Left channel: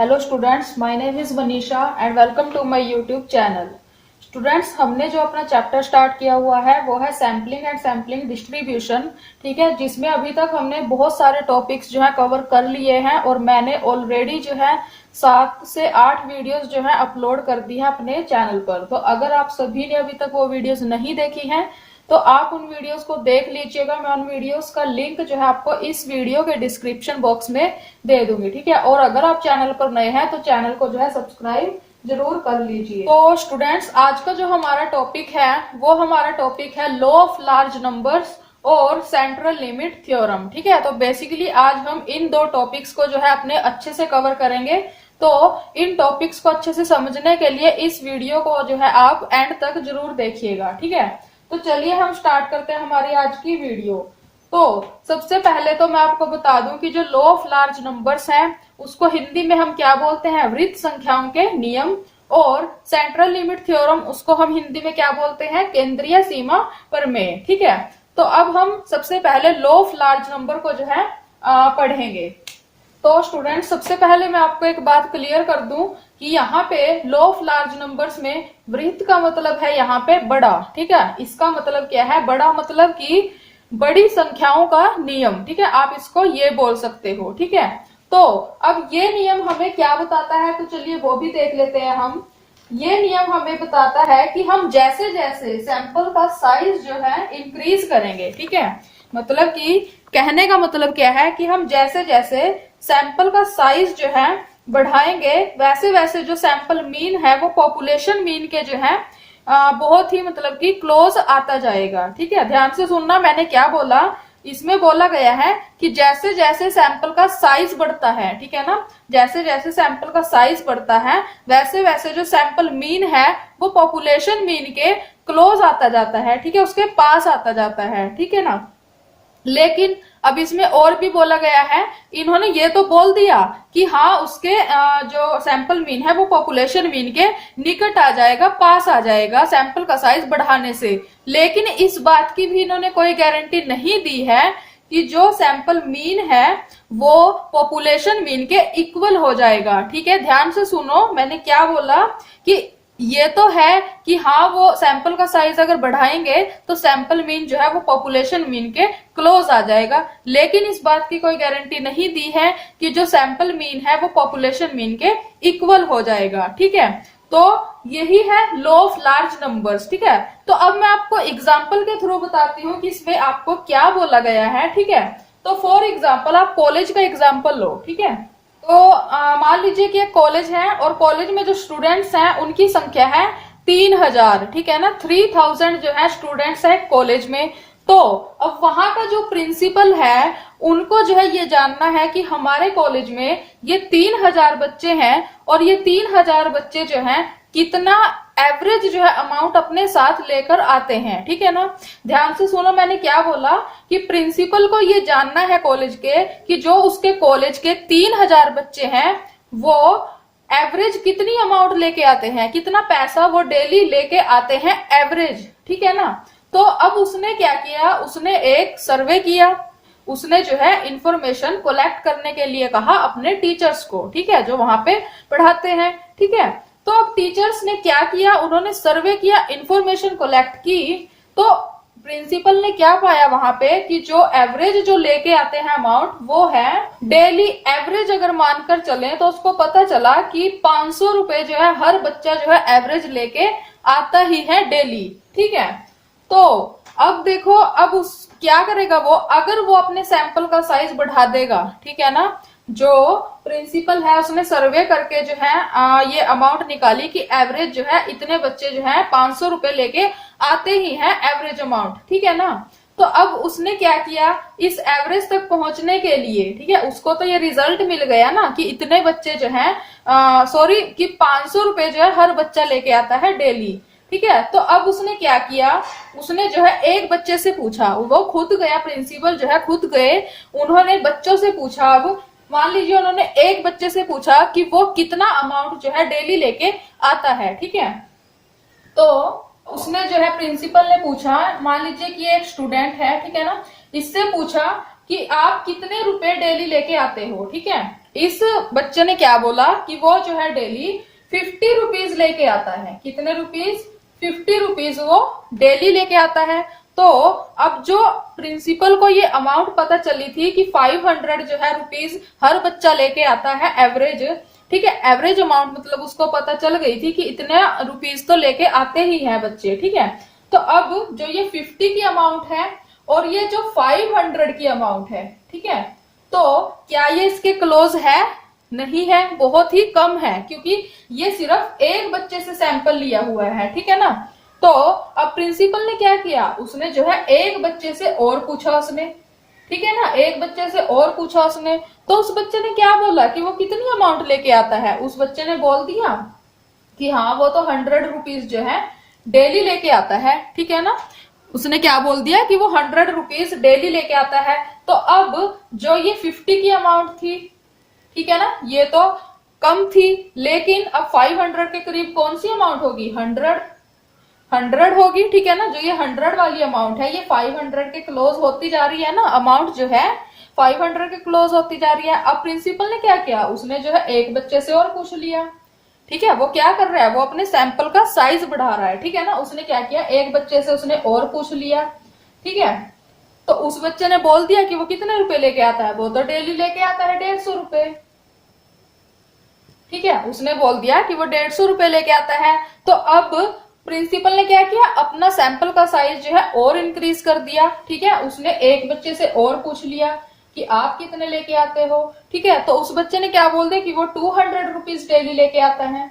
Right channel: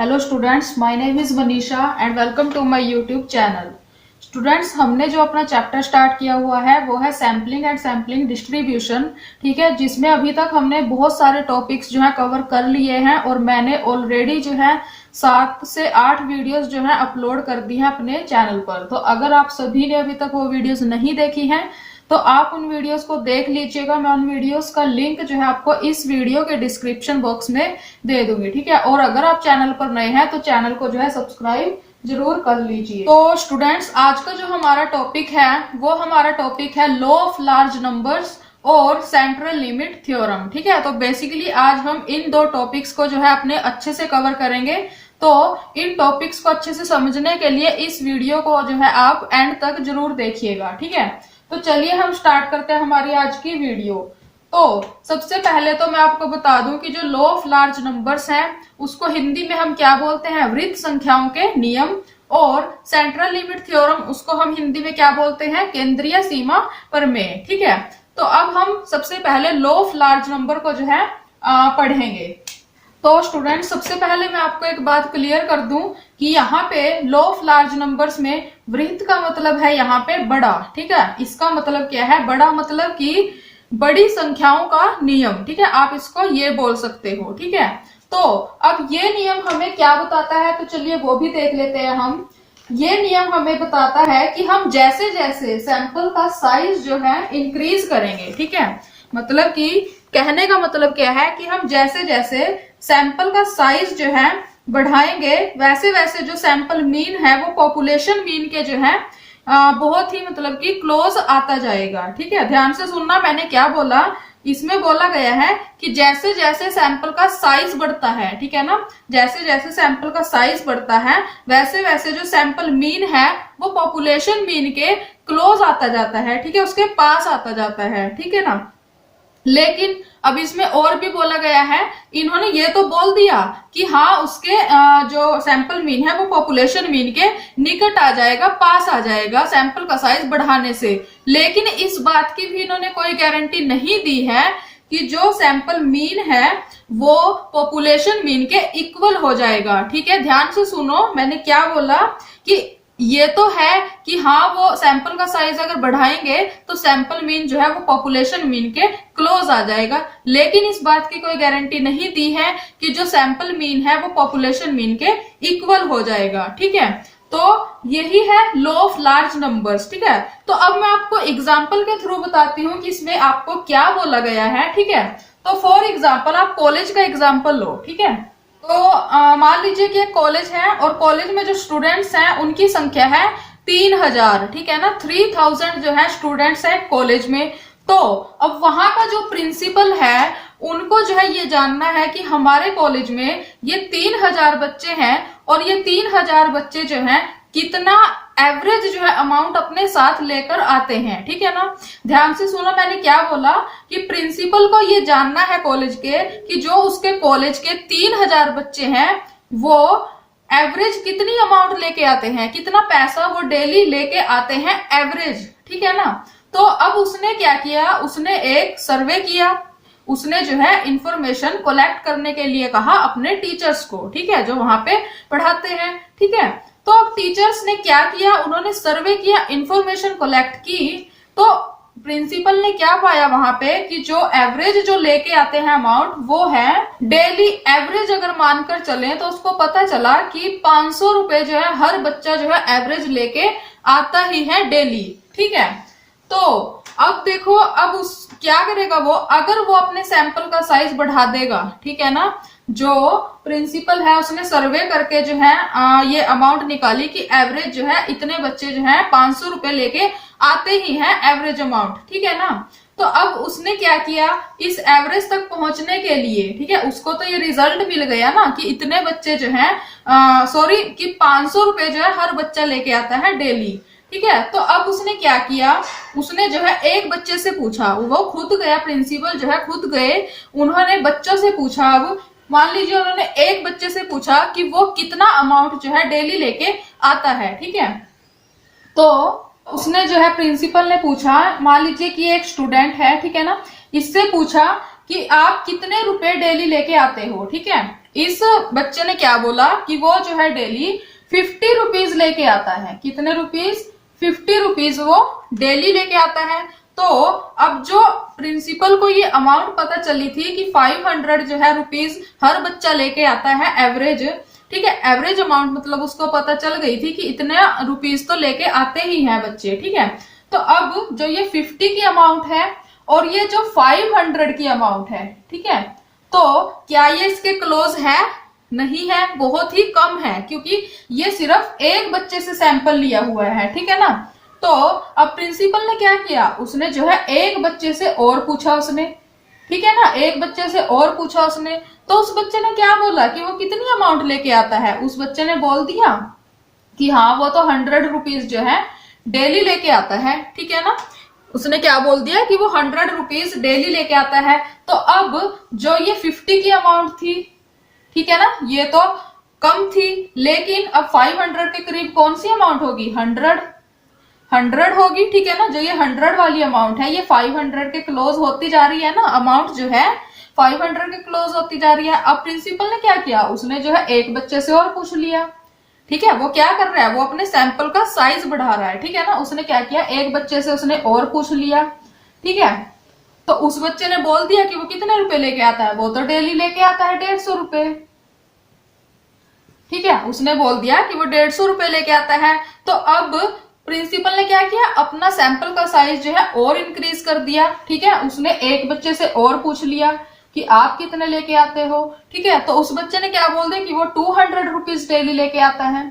Hello students, my name is Manisha and welcome to my YouTube channel. Students, हमने जो अपना chapter start किया हुआ है वो है सैम्पलिंग एंड सैम्पलिंग डिस्ट्रीब्यूशन। ठीक है, जिसमें अभी तक हमने बहुत सारे टॉपिक्स जो है कवर कर लिए हैं और मैंने ऑलरेडी जो है 7 से 8 वीडियोस जो है अपलोड कर दी है अपने चैनल पर। तो अगर आप सभी ने अभी तक वो वीडियोस नहीं देखी हैं तो आप उन वीडियोस को देख लीजिएगा। मैं उन वीडियोस का लिंक जो है आपको इस वीडियो के डिस्क्रिप्शन बॉक्स में दे दूंगी। ठीक है, और अगर आप चैनल पर नए हैं तो चैनल को जो है सब्सक्राइब जरूर कर लीजिए। तो स्टूडेंट्स, आज का जो हमारा टॉपिक है वो हमारा टॉपिक है लॉ ऑफ लार्ज नंबर्स और सेंट्रल लिमिट थ्योरम। ठीक है, तो बेसिकली आज हम इन दो टॉपिक्स को जो है अपने अच्छे से कवर करेंगे। तो इन टॉपिक्स को अच्छे से समझने के लिए इस वीडियो को जो है आप एंड तक जरूर देखिएगा। ठीक है, तो चलिए हम स्टार्ट करते हैं हमारी आज की वीडियो। तो सबसे पहले तो मैं आपको बता दूं कि जो लॉ ऑफ लार्ज नंबर्स है उसको हिंदी में हम क्या बोलते हैं, वृत्त संख्याओं के नियम। और सेंट्रल लिमिट थ्योरम उसको हम हिंदी में क्या बोलते हैं, केंद्रीय सीमा प्रमेय। ठीक है, तो अब हम सबसे पहले लॉ ऑफ लार्ज नंबर को जो है पढ़ेंगे। तो स्टूडेंट, सबसे पहले मैं आपको एक बात क्लियर कर दूं कि यहाँ पे लॉ ऑफ लार्ज नंबर्स में वृत्त का मतलब है यहाँ पे बड़ा। ठीक है, इसका मतलब क्या है, बड़ा मतलब कि बड़ी संख्याओं का नियम। ठीक है, आप इसको ये बोल सकते हो। ठीक है, तो अब ये नियम हमें क्या बताता है, तो चलिए वो भी देख लेते हैं हम। ये नियम हमें बताता है कि हम जैसे जैसे सैंपल का साइज जो है इंक्रीज करेंगे। ठीक है, मतलब कि कहने का मतलब क्या है कि हम जैसे जैसे सैंपल का साइज जो है बढ़ाएंगे वैसे वैसे जो सैंपल मीन है वो पॉपुलेशन मीन के जो है बहुत ही मतलब कि क्लोज आता जाएगा। ठीक है, ध्यान से सुनना, मैंने क्या बोला, इसमें बोला गया है कि जैसे जैसे सैंपल का साइज बढ़ता है, ठीक है ना, जैसे जैसे सैंपल का साइज बढ़ता है वैसे वैसे जो सैंपल मीन है वो पॉपुलेशन मीन के क्लोज आता जाता है। ठीक है, उसके पास आता जाता है। ठीक है ना, लेकिन अब इसमें और भी बोला गया है, इन्होंने ये तो बोल दिया कि हाँ उसके जो सैंपल मीन है वो पॉपुलेशन मीन के निकट आ जाएगा, पास आ जाएगा सैंपल का साइज बढ़ाने से, लेकिन इस बात की भी इन्होंने कोई गारंटी नहीं दी है कि जो सैंपल मीन है वो पॉपुलेशन मीन के इक्वल हो जाएगा। ठीक है, ध्यान से सुनो, मैंने क्या बोला कि ये तो है कि हाँ वो सैंपल का साइज अगर बढ़ाएंगे तो सैंपल मीन जो है वो पॉपुलेशन मीन के क्लोज आ जाएगा, लेकिन इस बात की कोई गारंटी नहीं दी है कि जो सैंपल मीन है वो पॉपुलेशन मीन के इक्वल हो जाएगा। ठीक है, तो यही है लॉ ऑफ लार्ज नंबर्स। ठीक है, तो अब मैं आपको एग्जाम्पल के थ्रू बताती हूँ कि इसमें आपको क्या बोला गया है। ठीक है, तो फॉर एग्जाम्पल आप कॉलेज का एग्जाम्पल लो। ठीक है, तो मान लीजिए कि एक कॉलेज है और कॉलेज में जो स्टूडेंट्स हैं उनकी संख्या है 3000। ठीक है ना, 3000 जो है स्टूडेंट्स है कॉलेज में। तो अब वहां का जो प्रिंसिपल है उनको जो है ये जानना है कि हमारे कॉलेज में ये 3000 बच्चे हैं और ये 3000 बच्चे जो हैं कितना एवरेज जो है अमाउंट अपने साथ लेकर आते हैं। ठीक है ना, ध्यान से सुनो, मैंने क्या बोला कि प्रिंसिपल को ये जानना है कॉलेज के कि जो उसके कॉलेज के 3000 बच्चे हैं वो एवरेज कितनी अमाउंट लेके आते हैं, कितना पैसा वो डेली लेके आते हैं एवरेज। ठीक है ना, तो अब उसने क्या किया, उसने एक सर्वे किया, उसने जो है इंफॉर्मेशन कलेक्ट करने के लिए कहा अपने टीचर्स को। ठीक है, जो वहां पे पढ़ाते हैं। ठीक है, तो अब टीचर्स ने क्या किया, उन्होंने सर्वे किया, इंफॉर्मेशन कलेक्ट की। तो प्रिंसिपल ने क्या पाया वहां पे कि जो एवरेज जो लेके आते हैं अमाउंट वो है डेली एवरेज, अगर मानकर चलें तो उसको पता चला कि 500 रुपए जो है हर बच्चा जो है एवरेज लेके आता ही है डेली। ठीक है, तो अब देखो, अब उस क्या करेगा वो, अगर वो अपने सैंपल का साइज बढ़ा देगा। ठीक है ना, जो प्रिंसिपल है उसने सर्वे करके जो है ये अमाउंट निकाली कि एवरेज जो है इतने बच्चे जो है 500 रुपए लेके आते ही हैं एवरेज अमाउंट। ठीक है ना, तो अब उसने क्या किया, इस एवरेज तक पहुंचने के लिए, ठीक है, उसको तो ये रिजल्ट मिल गया ना कि इतने बच्चे जो है सॉरी कि 500 रुपए जो है हर बच्चा लेके आता है डेली। ठीक है, तो अब उसने क्या किया, उसने जो है एक बच्चे से पूछा, वो खुद गया, प्रिंसिपल जो है खुद गए, उन्होंने बच्चों से पूछा। अब मान लीजिए उन्होंने एक बच्चे से पूछा कि वो कितना अमाउंट जो है डेली लेके आता है। ठीक है, तो उसने जो है प्रिंसिपल ने पूछा, मान लीजिए कि एक स्टूडेंट है, ठीक है ना, इससे पूछा कि आप कितने रुपए डेली लेके आते हो, ठीक है। इस बच्चे ने क्या बोला कि वो जो है डेली 50 रुपीज लेके आता है। कितने रुपीज? 50 रुपीज वो डेली लेके आता है। तो अब जो प्रिंसिपल को ये अमाउंट पता चली थी कि 500 जो है रुपीज हर बच्चा लेके आता है एवरेज, ठीक है, एवरेज अमाउंट मतलब उसको पता चल गई थी कि इतने रुपीज तो लेके आते ही हैं बच्चे, ठीक है। तो अब जो ये 50 की अमाउंट है और ये जो 500 की अमाउंट है, ठीक है, तो क्या ये इसके क्लोज है? नहीं है, बहुत ही कम है, क्योंकि ये सिर्फ एक बच्चे से सैंपल लिया हुआ है, ठीक है ना। तो अब प्रिंसिपल ने क्या किया, उसने जो है एक बच्चे से और पूछा उसने, ठीक है ना, एक बच्चे से और पूछा उसने। तो उस बच्चे ने क्या बोला कि वो कितनी अमाउंट लेके आता है। उस बच्चे ने बोल दिया कि हाँ वो तो 100 रुपीज जो है डेली लेके आता है, ठीक है ना। उसने क्या बोल दिया कि वो 100 रुपीज डेली लेके आता है। तो अब जो ये 50 की अमाउंट थी, ठीक है ना, ये तो कम थी, लेकिन अब 500 के करीब कौन सी अमाउंट होगी? 100 होगी, ठीक है ना। जो ये 100 वाली अमाउंट है ये 500 के क्लोज होती जा रही है ना, अमाउंट जो है 500 के क्लोज होती जा रही है। अब प्रिंसिपल ने क्या किया, उसने जो है एक बच्चे से और पूछ लिया, ठीक है। वो क्या कर रहा है, वो अपने सैंपल का साइज बढ़ा रहा है, ठीक है ना। उसने क्या किया, एक बच्चे से उसने और पूछ लिया, ठीक है। तो उस बच्चे ने बोल दिया कि वो कितने रुपए लेके आता है, वो तो डेली लेके आता है 150 रुपए, ठीक है। उसने बोल दिया कि वो 150 रुपए लेके आता है। तो अब प्रिंसिपल ने क्या किया, अपना सैंपल का साइज जो है और इंक्रीज कर दिया, ठीक है। उसने एक बच्चे से और पूछ लिया कि आप कितने लेके आते हो, ठीक है। तो उस बच्चे ने क्या बोल दिया कि वो 200 रुपीज डेली लेके आता है,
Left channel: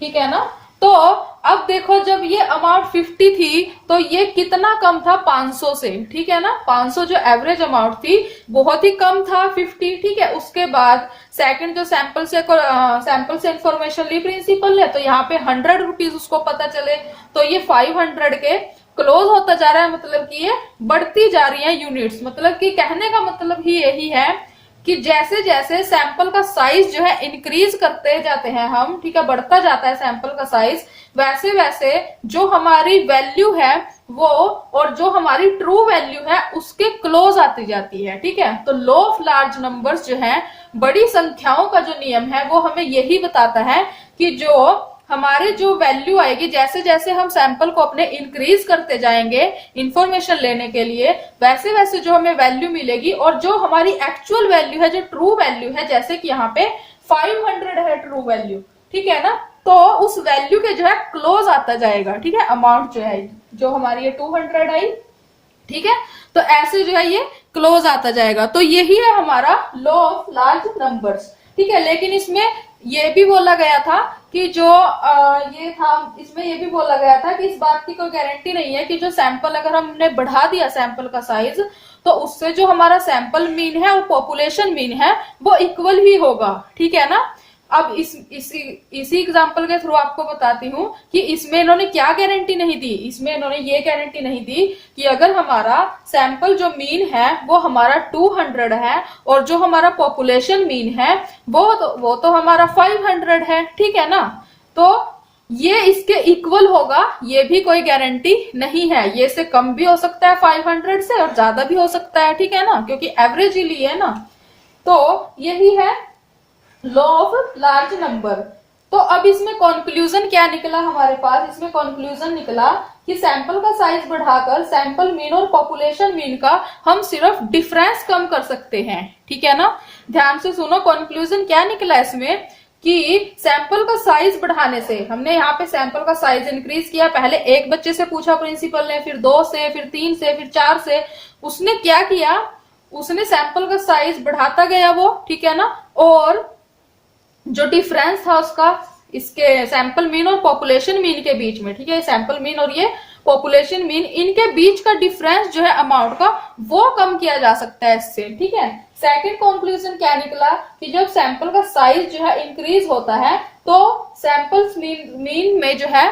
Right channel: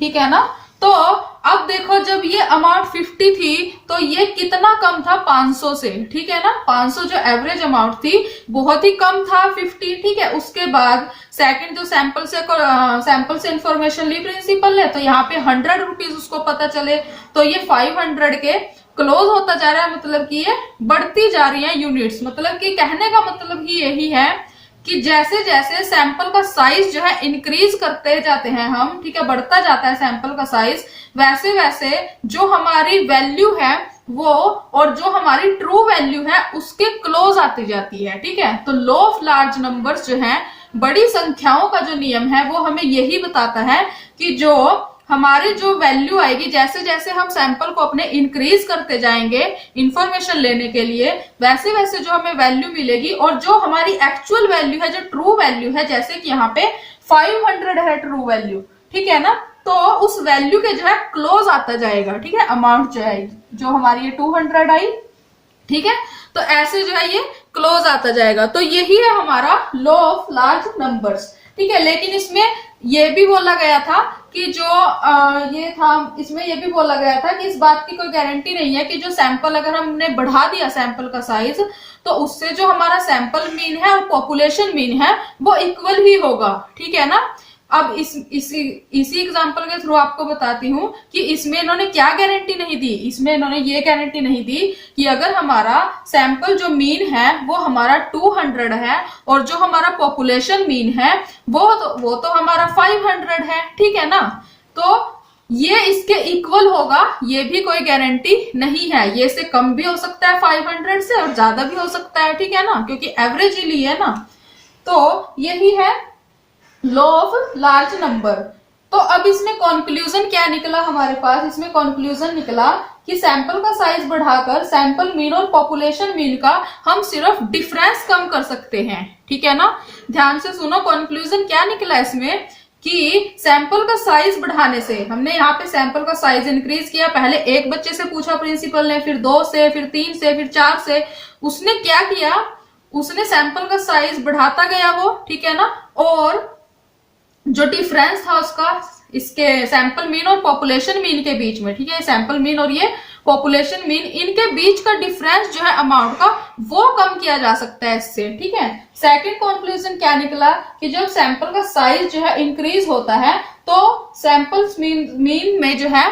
ठीक है ना। तो अब देखो, जब ये अमाउंट 50 थी तो ये कितना कम था 500 से, ठीक है ना। 500 जो एवरेज अमाउंट थी बहुत ही कम था 50, ठीक है। उसके बाद सेकंड जो सैंपल से इंफॉर्मेशन ली प्रिंसिपल ने, तो यहाँ पे 100 रुपीज उसको पता चले, तो ये 500 के क्लोज होता जा रहा है, मतलब कि ये बढ़ती जा रही है यूनिट्स। मतलब कि कहने का मतलब ही यही है कि जैसे जैसे सैंपल का साइज जो है इंक्रीज करते जाते हैं हम, ठीक है, बढ़ता जाता है सैंपल का साइज, वैसे वैसे जो हमारी वैल्यू है वो और जो हमारी ट्रू वैल्यू है उसके क्लोज आती जाती है, ठीक है। तो लॉ ऑफ लार्ज नंबर्स जो है, बड़ी संख्याओं का जो नियम है वो हमें यही बताता है कि जो हमारी जो वैल्यू आएगी, जैसे जैसे हम सैंपल को अपने इंक्रीज करते जाएंगे इंफॉर्मेशन लेने के लिए, वैसे वैसे जो हमें वैल्यू मिलेगी, और जो हमारी एक्चुअल वैल्यू है, जो ट्रू वैल्यू है, जैसे कि यहाँ पे 500 है ट्रू वैल्यू, ठीक है ना, तो उस वैल्यू के जो है क्लोज आता जाएगा, ठीक है। अमाउंट जो है, जो हमारी ये 200 आई, ठीक है, तो ऐसे जो है ये क्लोज आता जाएगा। तो यही है हमारा लॉ ऑफ लार्ज नंबर्स, ठीक है। लेकिन इसमें ये भी बोला गया था कि जो ये था, इसमें ये भी बोला गया था कि इस बात की कोई गारंटी नहीं है कि जो सैंपल अगर हमने बढ़ा दिया सैंपल का साइज, तो उससे जो हमारा सैंपल मीन है और पॉपुलेशन मीन है वो इक्वल ही होगा, ठीक है ना। अब इसी एग्जांपल के थ्रू आपको बताती हूँ कि इसमें इन्होंने क्या गारंटी नहीं दी। इसमें इन्होंने ये गारंटी नहीं दी कि अगर हमारा सैंपल जो मीन है वो हमारा 200 है और जो हमारा पॉपुलेशन मीन है वो तो हमारा 500 है, ठीक है ना, तो ये इसके इक्वल होगा, ये भी कोई गारंटी नहीं है। ये से कम भी हो सकता है 500 से और ज्यादा भी हो सकता है, ठीक है ना, क्योंकि एवरेज ही ली है ना। तो यही है लॉ ऑफ लार्ज नंबर। तो अब इसमें कंक्लूजन क्या निकला हमारे पास, इसमें कंक्लूजन निकला कि सैंपल का साइज बढ़ाकर सैंपल मीन और पॉपुलेशन मीन का हम सिर्फ डिफरेंस कम कर सकते हैं, ठीक है ना। ध्यान से सुनो, कंक्लूजन क्या निकला इसमें कि सैंपल का साइज बढ़ाने से, हमने यहाँ पे सैंपल का साइज इंक्रीज किया, पहले एक बच्चे से पूछा प्रिंसिपल ने, फिर 2 से, फिर 3 से, फिर 4 से, उसने क्या किया, उसने सैंपल का साइज बढ़ाता गया वो, ठीक है ना, और जो डिफरेंस था उसका इसके सैंपल मीन और पॉपुलेशन मीन के बीच में, ठीक है, सैंपल मीन और ये पॉपुलेशन मीन, इनके बीच का डिफरेंस जो है अमाउंट का वो कम किया जा सकता है इससे, ठीक है। सेकंड कंक्लूजन क्या निकला कि जब सैंपल का साइज जो है इंक्रीज होता है तो सैंपल्स मीन में जो है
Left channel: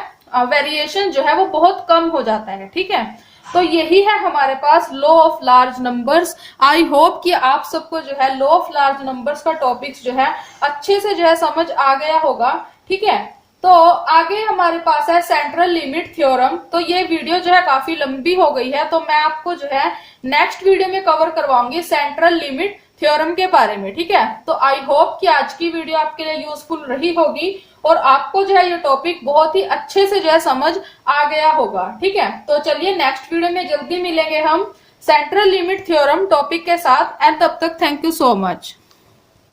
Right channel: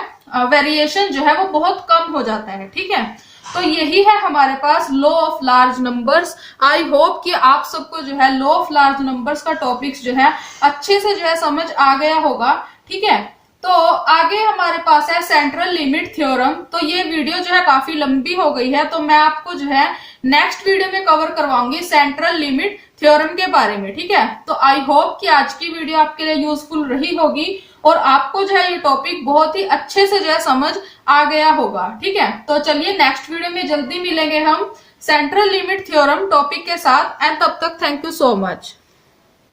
वेरिएशन जो है वो बहुत कम हो जाता है, ठीक है। तो यही है हमारे पास law of large numbers. I hope कि आप सबको जो है लॉ ऑफ लार्ज नंबर्स का टॉपिक्स जो है अच्छे से जो है समझ आ गया होगा, ठीक है। तो आगे हमारे पास है सेंट्रल लिमिट थ्योरम। तो ये वीडियो जो है काफी लंबी हो गई है, तो मैं आपको जो है नेक्स्ट वीडियो में कवर करवाऊंगी सेंट्रल लिमिट थ्योरम के बारे में। ठीक है, तो आई होप कि आज की वीडियो आपके लिए यूजफुल रही होगी और आपको जो है ये टॉपिक बहुत ही अच्छे से जो है समझ आ गया होगा। ठीक है, तो चलिए नेक्स्ट वीडियो में जल्दी मिलेंगे हम सेंट्रल लिमिट थ्योरम टॉपिक के साथ। एंड तब तक थैंक यू सो मच।